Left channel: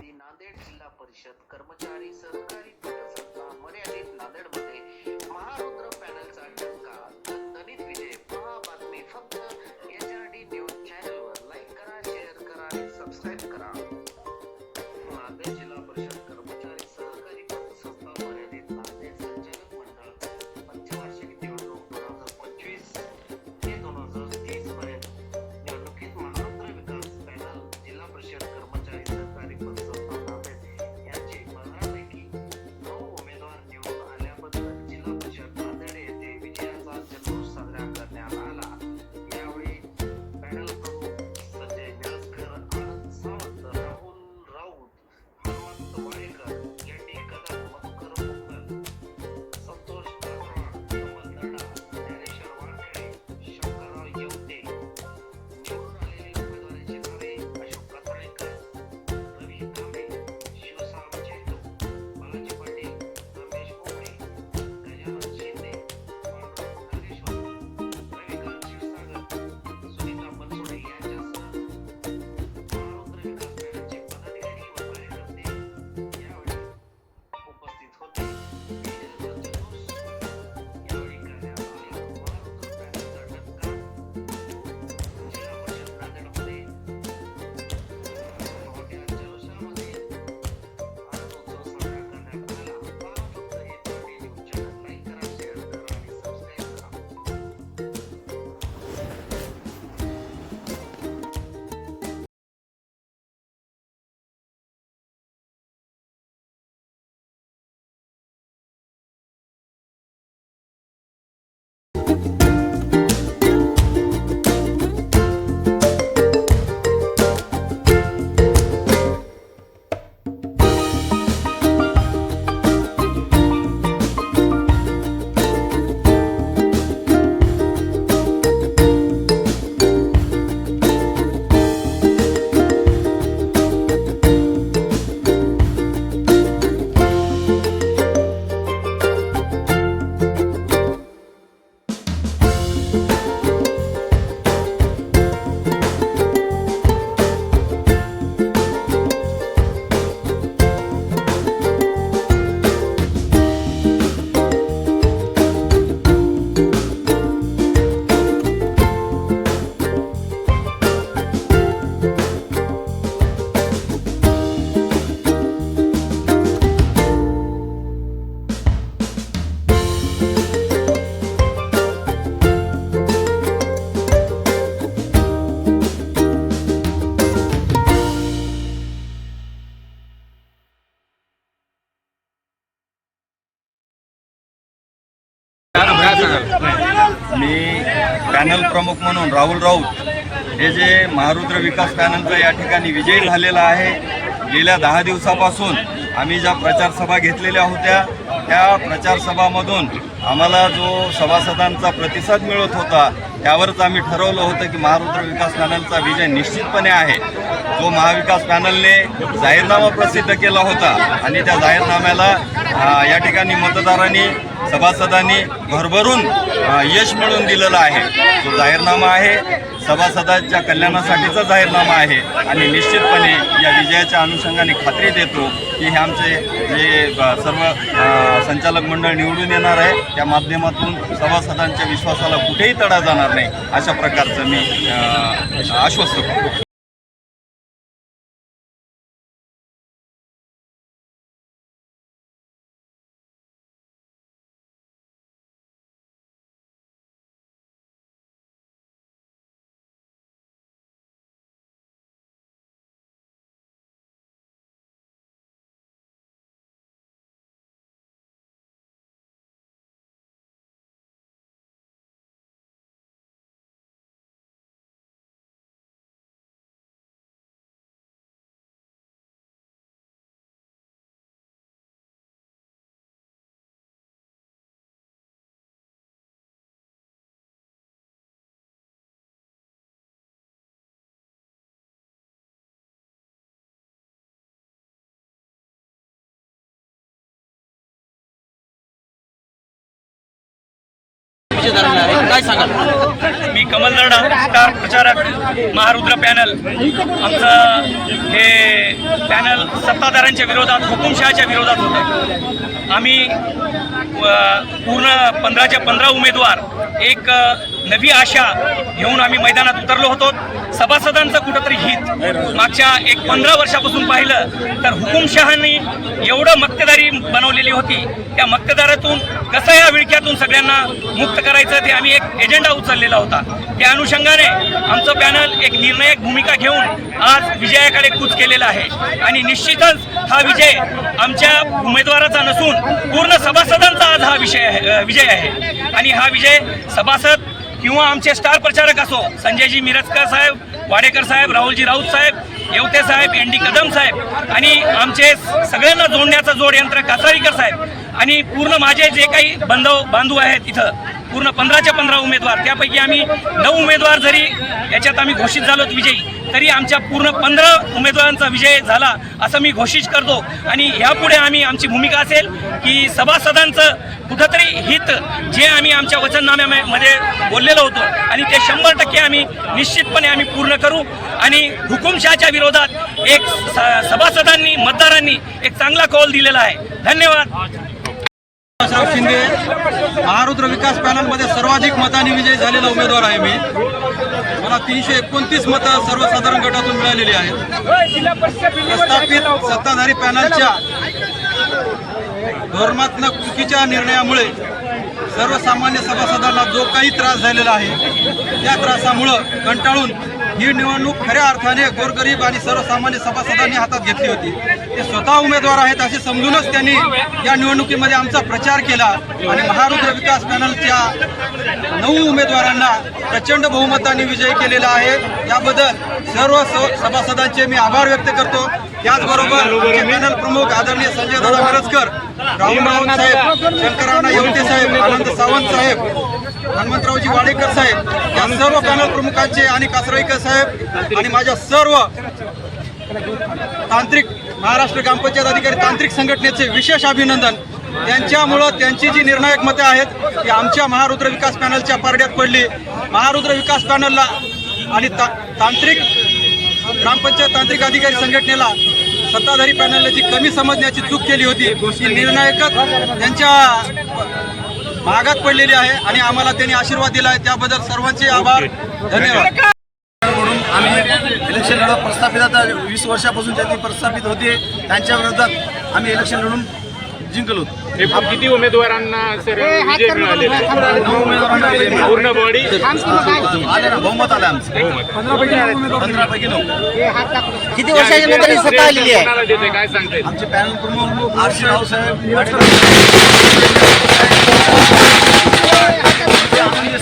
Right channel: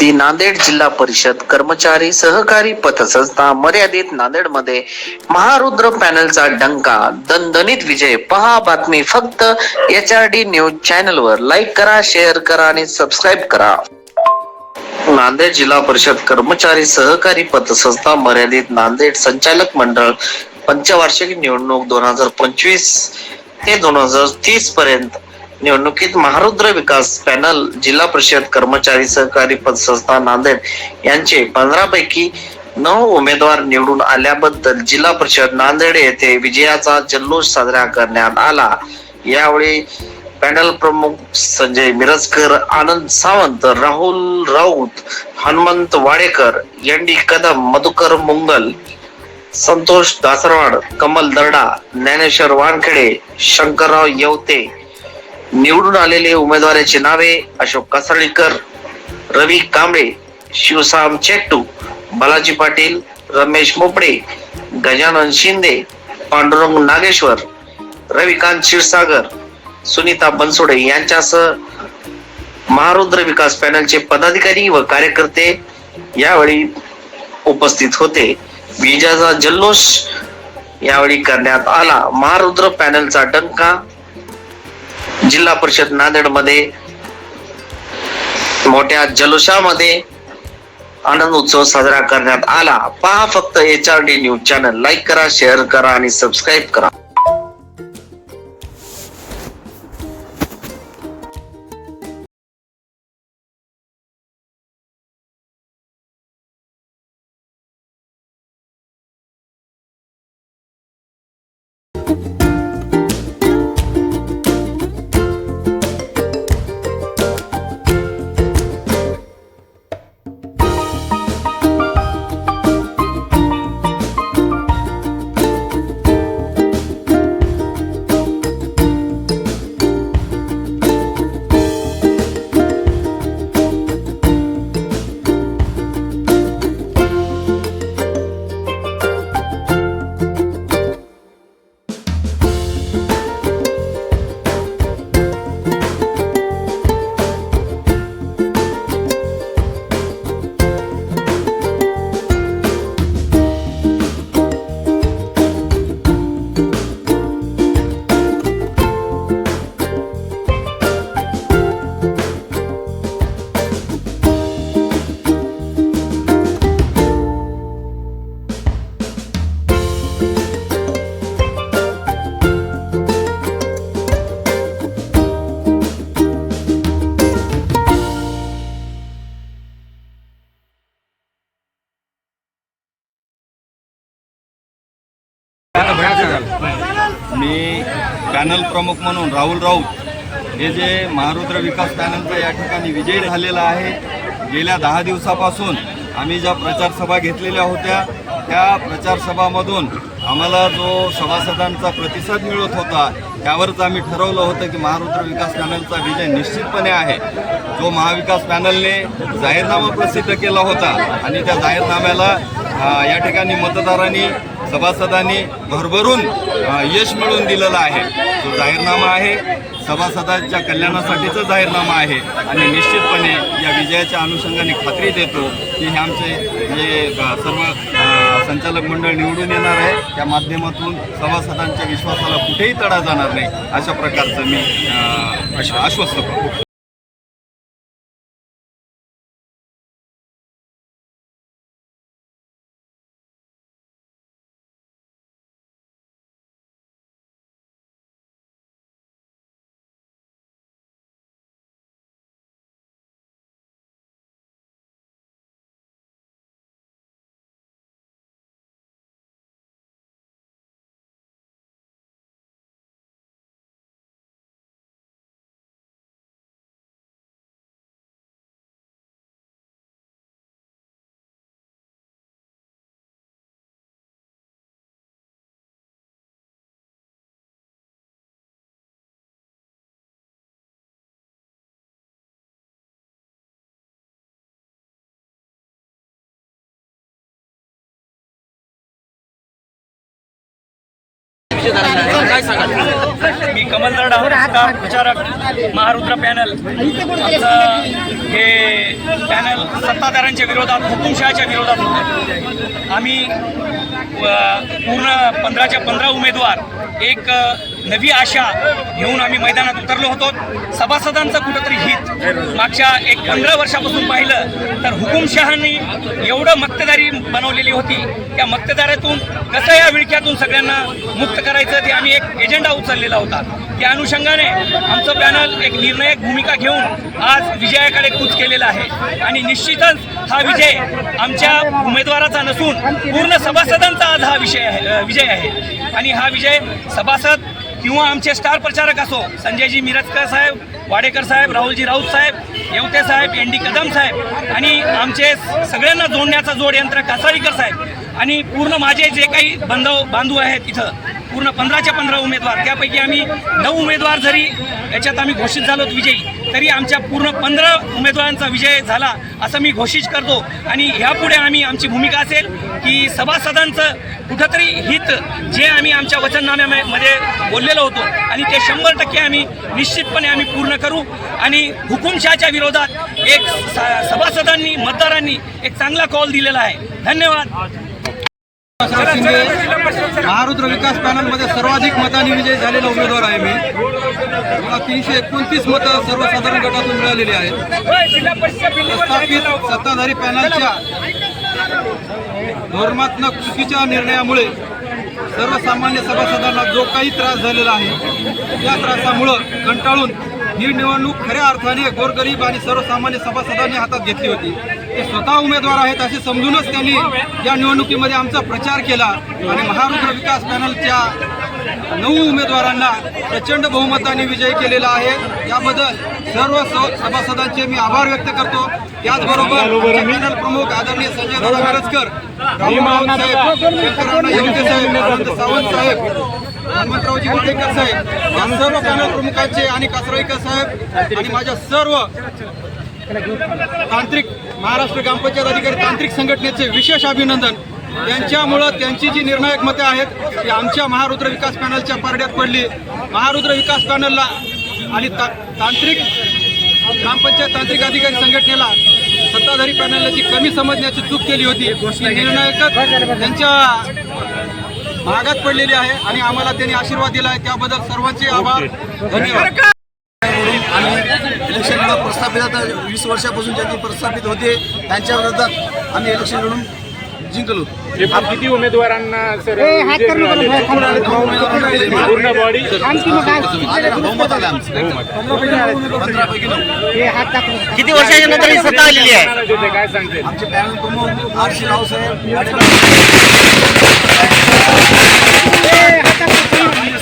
ती नांदेड जिल्हा परिषद कर्मचारी सहकारी पतसंस्था मर्यादित नांदेडमध्ये महारुद्र पॅनलचा डंका दणदणीत विजय. पहा बातमी फक्त एच आर डी न्यूज चॅनलवर. लाईक करा शेअर करा आणि सबस्क्राईब करा. नांदेड जिल्हा परिषद कर्मचारी सहकारी पतसंस्था मर्यादित नांदेड संचालक मंडळ पंचवार्षिक निवडणूक दोन हजार पंचवीस ते दोन हजार तीस पर्यंत निवडणुकीत महारुद्र विकास पॅनल जिल्हा परिषद कर्मचारी सहकारी पतसंस्था नांदेड यांचे पंधरा पैकी नऊ उमेदवार निवडून आल्याबद्दल जिल्हा परिषद नांदेड येथे विजयाचा जल्लोष साजरा करण्यात आला. यावेळी पॅनल प्रमुख संजय मिरजकर आनंद सावंत राहुल राऊत हनुमंत वाडेकर यांनी कदम मधुकर मुंगल संतोष दासरवाड कमल दर्डा ज्ञानेश्वर वानखेडे शंकरराव येवते निवडून आलेले उमेदवाराची नावे अशोक कासर्डीकर रवी कांबळे शिवसाम चेट्टू बालाजी पाटील रमेश मोपडे गजानन शिंदे पांडुरंग नागेश्वर रविकांत क्षीरसागर सुनीता बनसोडे यांच्यासह महारुद्र विकास पॅनलचे पदाधिकारी व कार्यकर्ते यावेळी उपस्थित होते. विजयाचा जल्लोष यावेळी करण्यात आला. महारुद्र पॅनलचा डंका जिल्हा परिषद नांदेडमध्ये मोठ्या जल्लोषामध्ये आनंद उत्सव साजरा करण्यात आला. पहा फक्त H R D news channel like करा शेअर करा आणि सबस्क्राईब करा. मी पॅनल प्रमुख म्हणून राहुल राऊत हे जे महारुद्र विकास पॅनलचा या ठिकाणी विजयी झालेला आहे गेल्या दहा दिवसापासून आम्ही ज्या प्रचारसभा घेतलेल्या होत्या त्या प्रचारसभामधून आम्हाला जो सभासदांचा प्रतिसाद मिळत होता त्यावरच आम्ही ठरवलं होतं की महारुद्र विकास पॅनलचा विजय निश्चितपणे आहे. जो महाविकास पॅनलने जाहीरनामा प्रसिद्ध केला होता आणि त्या जाहीरनाम्याला या ठिकाणी मतदारांनी सभासदांनी भरभरून यश मिळवून दिलेलं आहे. तो जाहीरनामा आहे. सभासदांच्या कल्याणासाठीचा जाहीरनामा आहे. आणि निश्चितपणे या विजयाच्या अनुषंगाने खात्री देतो की हे आमचे जे सर्व संचालक मंडळ निवडून येणार आहे त्या माध्यमातून सभासदांच्या विश्वासाला कुठेही तडा जाणार नाही अशा प्रकारचं मी आश्वस्त करतो. मी कमल दर्डा स्टार प्रचारक महारुद्र पॅनल. आमचं हे पॅनल सत्ताधाऱ्यांच्या विरोधात हुकुमशहाच्या विरोधात होतं. आम्ही पूर्ण पंधराच्या पंधरा उमेदवार एक नवी आशा घेऊन आम्ही मैदानात उतरलो होतो. सभासदांचं कुठंतरी हित. मागच्या एक पंधरा वर्षापासून पाहिलं तर हुकुमशहानी एवढं मक्तेदारी बनवलेली होती. त्या मक्तेदारातून कसं या विळख्यातून सगळ्यांना मुक्त करायचं ते आम्ही एक एजेंडा उचललेला होता. त्या अनुषंगाने आमचं पॅनल एक निर्णायक भूमिका घेऊन आज विजयाकडे कूच केलेला आहे. आणि निश्चितच हा विजय आमच्या उमेदवाराचा नसून पूर्ण सभासदांचा आज हा विषय आहे विजय आहे. आणि हा विजय सभासद किंवा आमचे स्टार प्रचारक असो संजयजी मिरजकर साहेब वाडेकर साहेब राहुलजी राऊत साहेब येवते साहेब एन डी कदम साहेब आणि आमचे सगळ्यांना जोडण्याचा जोड यंत्र कासारीकर साहेब आणि पूर्ण माझे जे काही बांधव बांधू आहेत इथं पूर्ण पंधराच्या पंधरा उमेदवार. त्यापैकी आम्ही नऊ उमेदवार जरी याच्यात आम्ही घोषित झालो विजयी तरी आमच्या पूर्ण पंधरा उमेदवारांचा विजय झाला असं मी घोषित करतो. आणि ह्यापुढे आम्ही आमची भूमिका असेल की सभासदांचं कुठंतरी हित जे आम्ही आमच्या वचननाम्यामध्ये बोललेलो होतो आणि ते शंभर टक्के आम्ही निश्चितपणे आम्ही पूर्ण करू. आणि हुकुमशहाच्या विरोधात एक स- सभासदांनी मतदारांनी एक चांगला कॉल दिलेला आहे. धन्यवाद. बाळासाहेब शिंदे. महारुद्र विकास पॅनलमध्ये सर्वाधिक मतांनी विजय झालेला उमेदवार आहे मी. मला तीनशे एकोणतीस मतं सर्वसाधारण गटातून मिळालेली आहेत. प्रस्थापित सत्ताधारी पॅनलच्या धोरणात्मक चुकीच्या निर्णयामुळे सर्वसामान्य सभासदांना जो काही त्रास झालेला आहे त्या त्रासामुळं कंटाळून ही निवडणूक खऱ्या अर्थाने गोरगरीब आणि सर्वसामान्य सभासदांनी हातात घेतली होती. ते स्वतः उमेदवार आहेत असे समजूनच त्यांनी या निवडणुकीमध्ये आमचा प्रचार केला आणि महारुद्र विकास पॅनलच्या नऊ उमेदवारांना प्रचंड बहुमताने विजयी केलेला आहे. याबद्दल सर्व स- सभासदांचे मी आभार व्यक्त करतो. त्याचबरोबर पॅनल प्रमुख आदरणीय संजय दादा मिरजकर राहुल राऊत साहेब शंकररावणा येवते साहेब आनंद सावंत साहेब हनुमंतरावजी वाडेकर साहेब या सर्व पॅनल प्रमुखांचे आणि कासराईकर साहेब आणि माझ्या सर्व तांत्रिक महाराष्ट्र ग्रामपंचायत अधिकारी तांत्रिक संघटनेचे विशेष अभिनंदन. त्यांच्यामुळं त्यांची जी निर्णायक मते आहेत ती आमच्या महारुद्र विकास पॅनलच्या पारड्यात पडली. महारुद्र विकास पॅनलला आणि ता तांत्रिक ग्रामपंचायत तांत्रिक अधिकारी संघटनेला सत्ताधारी पॅनलला जी कमी समजण्याची चूक केली होती ती निर्णायकच त्यांच्या भागात पडलेली आहे आणि आम्हाला त्यांनी आशीर्वाद दिला आहे त्याबद्दल सर्वांचे आभार. धन्यवाद. म्हणून आम्ही इलेक्शन लढत प्रस्थापित आता वीस वर्षापासून ज्यांनी प्रस्थापित होते त्यांच्या विरोधात आम्ही इलेक्शन लढून जिंकलो. किती उमेदवारांना नऊ. पूर्ण बॉडी आले ना बहुमत आलं आमचं. पंधरापैकी नऊ किती वर्षाच्या नंतर ही सत्ता आलेली आहे? काय सांगते? आमचे पॅनल प्रमुख आर सी रावसाहेब वाडेकर É,